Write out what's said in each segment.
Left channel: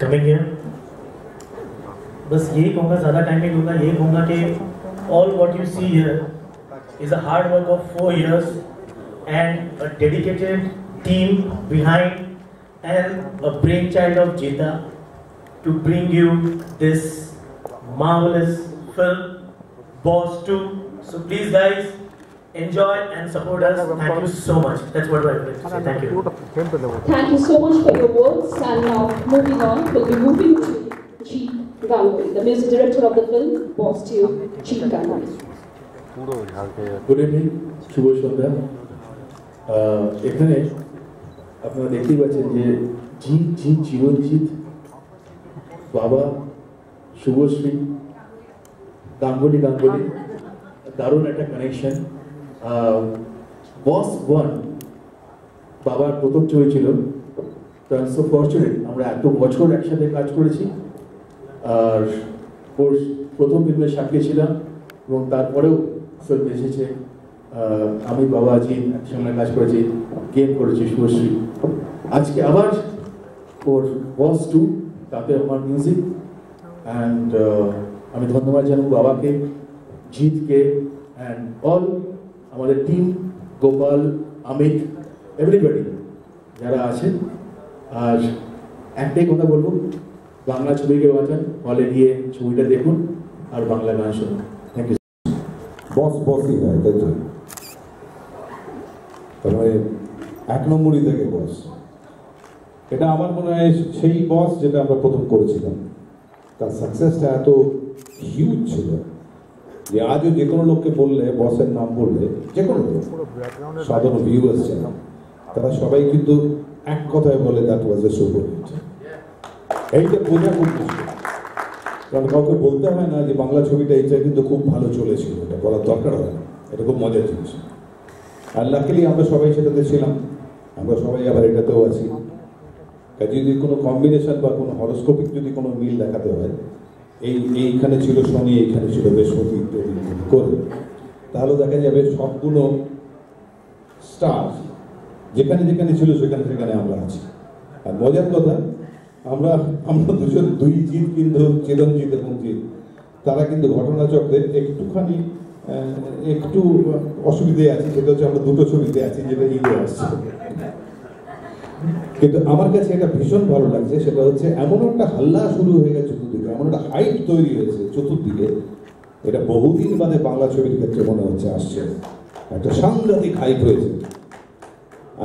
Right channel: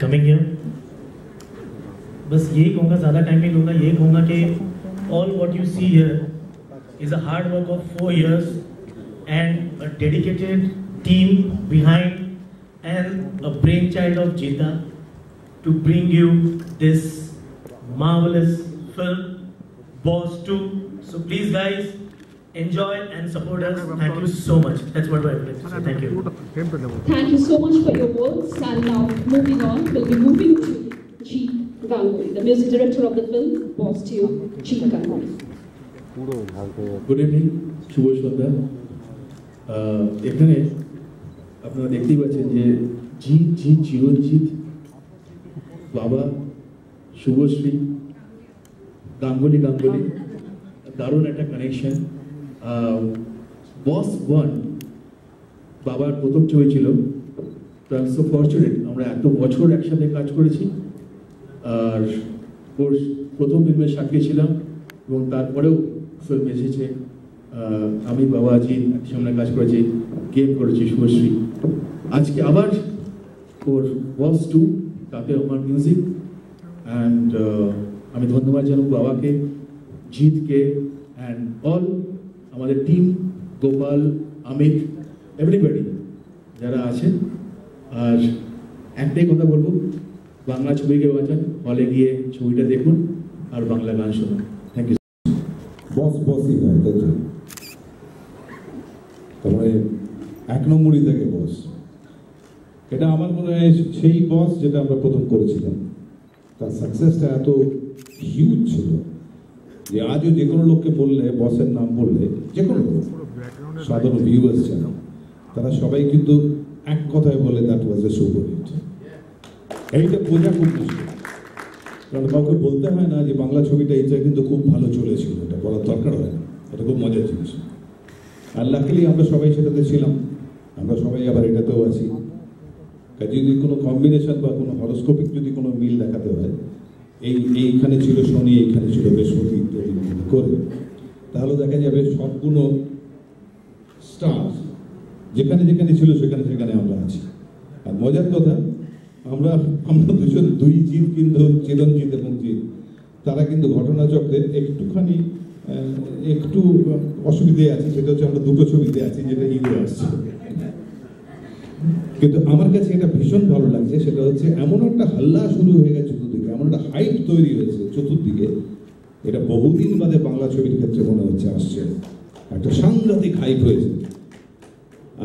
coming here. बस यही कहूँगा, ज़्यादा टाइम नहीं दूँगा, यही कहूँगा कि all what you see here is a hard work of 4 years and a dedicated team behind and a brainchild of Jita to bring you this marvelous film, Boss 2. So please guys, enjoy and support us. Thank you so much. That's what I would like to say. Thank you. Thank you so much for your words. And now moving on, we'll be moving to Jeet Ganguly, the music director of the film, Boss 2, Jeet Ganguly. Good evening, শুভ সন্ধ্যা। এখানে আপনারা দেখতেই পাচ্ছেন যে জিৎ চিরঞ্জিত, বাবা শুভশ্রী, গাঙ্গুলি দারুণ একটা connection. বস 1 বাবার প্রথম ছবি ছিল। সো ফরচুনেট আমরা এত বছর একসাথে কাজ করেছি, আর ওর প্রথম ফিল্মের সাক্ষী ছিলাম এবং তারপরেও ফিল্ম এসেছে। আমি বাবা জিৎ একসঙ্গে কাজ করেছি, গেম করেছি শুভশ্রী। আজকে আবার ওর বস 2, তাতে আমার মিউজিক। অ্যান্ড আমি ধন্যবাদ জানাবো বাবাকে, জিৎকে অ্যান্ড অল আমাদের টিম, গোপাল, অমিত, এভরিবডি যারা আছেন। আর একটাই কথা বলবো, বাংলা ছবিকে বাঁচান, হলে গিয়ে ছবিটা দেখুন আর বাংলা গান শুনুন। Thank you. বসই হয়, তাই তো? তারপরে 1 নম্বরই থেকে বস, এটা আমার মনে হয় সেই বস যেটা আমরা প্রথম করেছিলাম। তার সাকসেসটা এত হিউজ ছিল যে আজও যে কোনো লোককে বললে, বসের নাম বললে, যে কোনো লোক, সাধারণ ভিউয়ার্স যারা, তারা সবাই কিন্তু এক কথায় বলে that was a super hit. এইটা বোঝা খুব মুশকিল, কারণ কাউকে বলতে হয় না যে বাংলা ছবিটা এইটা কিন্তু খুব ভালো চলেছিল, এটা বলার দরকার হয় না, এটা খুব মজার জিনিস। আর লাকিলি আমরা সবাই সেটাতে ছিলাম, আমরা সবাই আবার এটাতেও আছি। যদি কোনো কম্বিনেশন বা কোনো হরোস্কোপিক যদি কোনো মিল দেখাতে হয়, এইখানে ছিল শনি, এইখানে ছিল বৃহস্পতি ইত্যাদি করে, তাহলে দেখা যাবে সবগুলো স্টার যেখানে যেখানে ছিল সেখানে আমরা আছি। আর মজার কথা, আমরা দুজন, দুই জিৎ কিন্তু চিরঞ্জিত এবং জিৎ, তারা কিন্তু ঘটনাচক্রে একটু অসুবিধায় আছে। সেটা হচ্ছে আমরা দুটো ছবিতে আছি, যেটা ইগো আসছে। কিন্তু আমার কাছে এটা ভীষণ ভালো লাগছে, সেটা হচ্ছে এমন একটা হাল্লা শুরু হয়ে গেছে চতুর্দিকে, এমন একটা হাইপ তৈরি হয়েছে চতুর্দিকে, এটা বহুদিন বাদে বাংলা ছবির ক্ষেত্রে মনে হচ্ছে আসছে, একটা সাংঘাতিক হাইপ হয়েছে।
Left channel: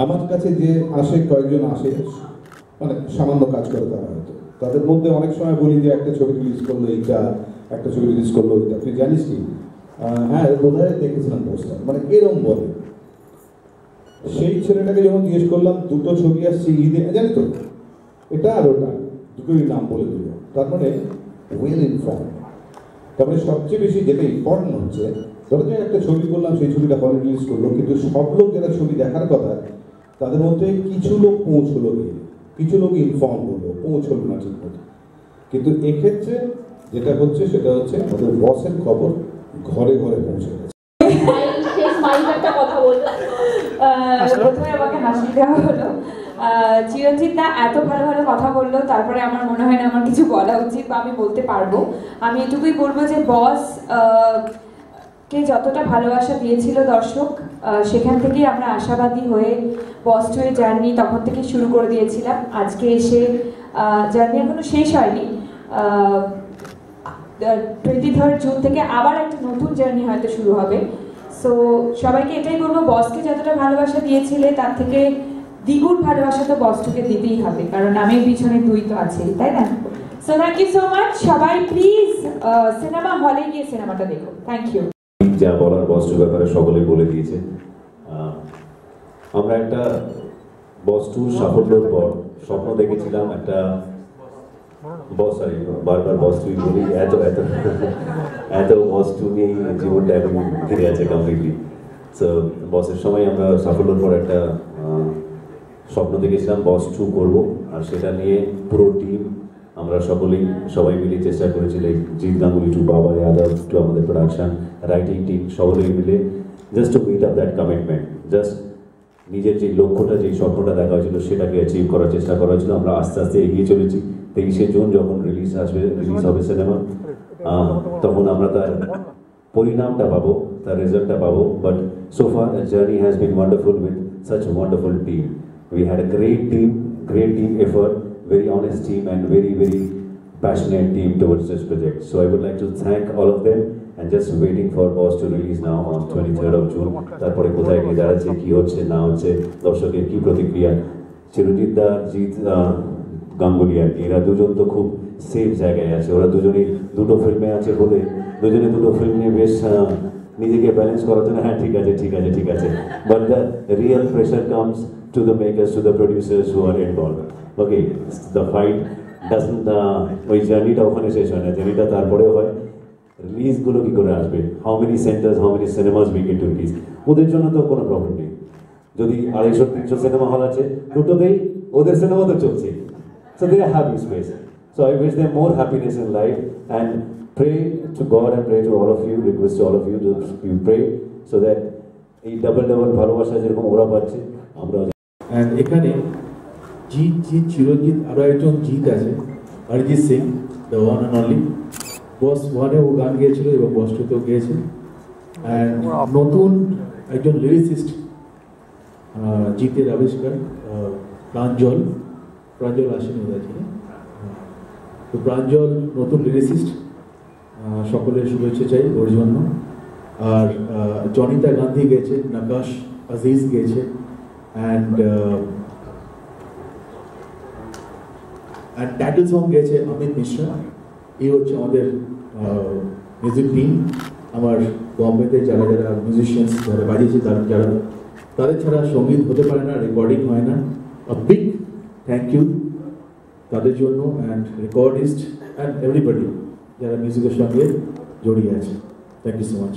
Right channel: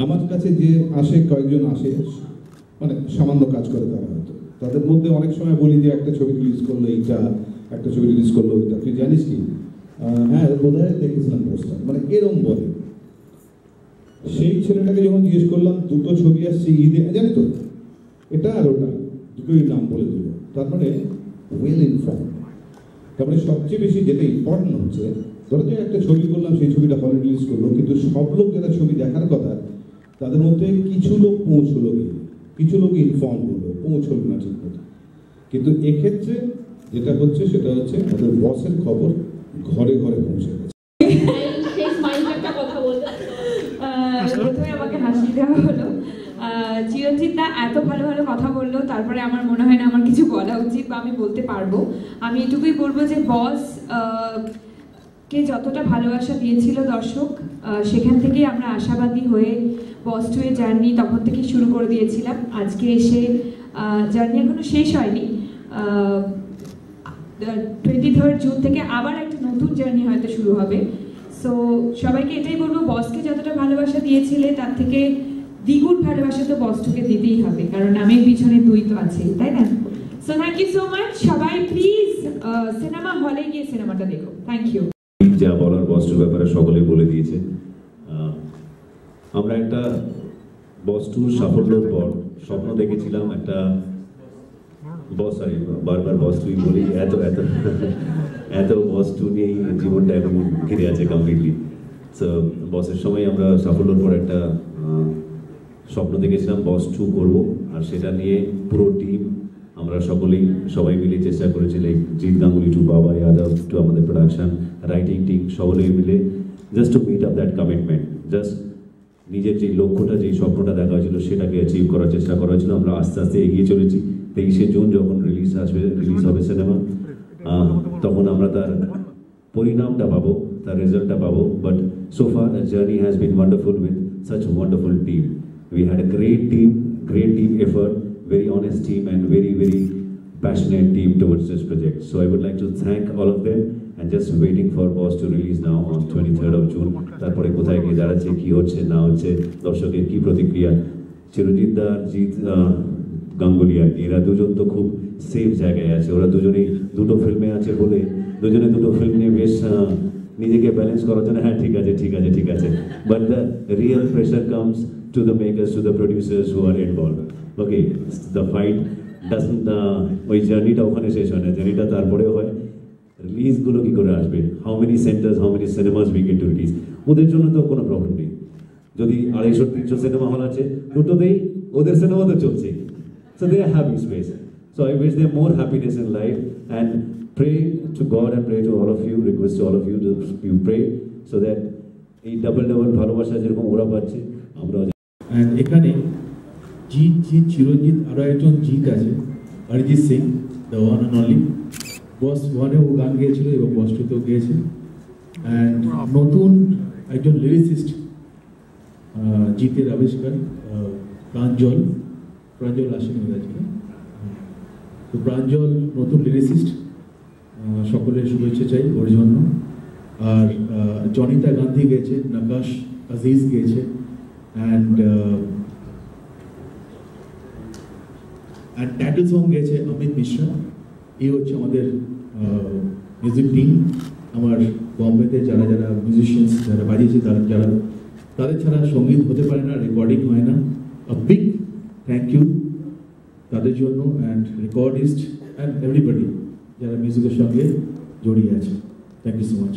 আমার কাছে যে আসে, কয়েকজন আসে, মানে সামান্য কাজ করে তারা, হয়তো তাদের মধ্যে অনেক সময় বলি যে একটা ছবি রিলিজ করলো এইটা, একটা ছবি রিলিজ করলো ওইটা, তুই জানিস কি? হ্যাঁ বোধহয় দেখেছিলাম পোস্টার, মানে এরকম বলে। সেই ছেলেটাকে যখন জিজ্ঞেস করলাম, দুটো ছবি আসছে ঈদে, জানি তো এটা আর ওটা, দুটোই নাম বলে দিল। তার মানে ওয়েল ইনফর্ম। তারপরে সবচেয়ে বেশি যেটা ইম্পর্টেন্ট হচ্ছে, ধরো যে একটা ছবি করলাম, সেই ছবিটা হলে রিলিজ করলো, কিন্তু সব লোক যারা ছবি দেখার কথা, তাদের মধ্যে কিছু লোক পৌঁছলো গিয়ে, কিছু লোক ইনফর্ম হলো, পৌঁছলো না ঠিক মতো। কিন্তু এক্ষেত্রে যেটা হচ্ছে সেটা হচ্ছে আমাদের বসের খবর ঘরে ঘরে পৌঁছে গেছে। প্রথমে আমাকে হাসি দেওয়া হলো, চিরঞ্জিত দা এত ভালো ভালো কথা বললো, তারপরে আমার মনে হয় না আমার কিছু বলা উচিত বা আমি বলতে পারবো। আমি এটুকুই বলবো যে বস কে যতটা ভালোবাসা দিয়েছিল দর্শক, সেখান থেকেই আমরা আশাবাদী হয়ে বস 2 এর জার্নি তখন থেকে শুরু করে দিয়েছিলাম। আজকে এসে জার্নি এখনো শেষ হয়নি, 23 জুন থেকে আবার একটা নতুন জার্নি হয়তো শুরু হবে। সো সবাইকে এটাই বলবো, বসকে যতটা ভালোবাসা দিয়েছিলে তার থেকে দ্বিগুণ ভালোবাসা তো বস 2 কে দিতেই হবে, কারণ নামের পিছনে 2 তো আছে, তাই না? So thank you so much. সবাই প্লিজ সিনেমা হলে গিয়ে সিনেমাটা দেখো। Thank you. যা বলার বস 2 ব্যাপারে সকলে বলে দিয়েছে। আমরা একটা বস 2 সাফল্যের পর স্বপ্ন দেখেছিলাম একটা বারবার বস 2 বলি, এত বস 2 নিয়েই জীবনটা এখন ঘিরে আছে কমপ্লিটলি। সো বসের সময় আমরা সাফল্যের পর একটা স্বপ্ন দেখেছিলাম বস 2 করবো, আর সেটা নিয়ে পুরো টিম আমরা সবাই মিলে চেষ্টা করেছি, like Jeet Ganguly to Baba Yadav to আমাদের প্রোডাকশন, রাইটিং টিম, সকলেই মিলে just to meet up that commitment, just নিজের যে লক্ষ্যটা, যে স্বপ্নটা দেখা হয়েছিল সেটাকে অ্যাচিভ করার চেষ্টা করা হয়েছিল। আমরা আস্তে আস্তে এগিয়ে চলেছি। 23শে জুন যখন রিলিজ হবে সিনেমা, তখন আমরা তার পরিণামটা পাবো, তার রেজাল্টটা পাবো। But so far the journey has been wonderful with such a wonderful team. We had a great team effort, very honest team and very passionate team towards this project. So I would like to thank all of them and just waiting for Boss to release now on 23rd of June. তারপরে কোথায় গিয়ে দাঁড়াচ্ছে, কি হচ্ছে না হচ্ছে, দর্শকের কি প্রতিক্রিয়া। চিরঞ্জিত দা, জিৎ গাঙ্গুলি আর কি, এরা দুজন তো খুব সেফ জায়গায় আছে। ওরা দুজনেই দুটো ফিল্মে আছে বলে দুজনে দুটো ফিল্ম নিয়ে বেশ নিজেকে ব্যালেন্স করার জন্য হ্যাঁ ঠিক আছে। But the real pressure comes to the makers, to the producers who R involved. Okay, the fight doesn't, ওই জার্নিটা ওখানে শেষ হয় না, জার্নিটা তারপরেও হয় রিলিজগুলো কী করে আসবে, how many centres, how many cinemas we get to release. ওদের জন্য তো কোনো প্রবলেম নেই, যদি 250-300 সিনেমা হল আছে, দুটোতেই ওদের সিনেমা তো চলছে। So they are happy space. So I wish them more happiness in life and pray to God and pray to all of you, request to all of you to pray so that এই double ভালোবাসা যেরকম ওরা পাচ্ছে আমরা। And এখানে জিৎ চিরঞ্জিত, আরো একজন জিৎ আছে, Arijit Singh, the one and only. Boss 1-এ ও গান গেয়েছিল এবং বস 2-তেও গেয়েছে। অ্যান্ড নতুন একজন লিরিসিস্ট জিতের আবিষ্কার, প্রাঞ্জল আসেনি ওদের ছিল। তো প্রাঞ্জল নতুন লিরিসিস্ট, সকলের শুভেচ্ছা চাই ওর জন্য। আর জনিতা গান্ধী গেছে, নকাশ আজিজ গেছে, অ্যান্ড টাইটেল সং গেছে অমিত মিশ্রা। এই হচ্ছে আমাদের মিউজিক টিম। আমার বম্বেতে যারা মিউজিশিয়ানস যারা বাজিয়েছে, তাদের ছাড়া সঙ্গীত হতে পারে না, রেকর্ডিং হয় না। বিগ থ্যাংক ইউ তাদের জন্য, অ্যান্ড রেকর্ডিস্ট অ্যান্ড এভরিবডি যারা মিউজিকের সঙ্গে জড়িয়ে আছে। Thank you so much.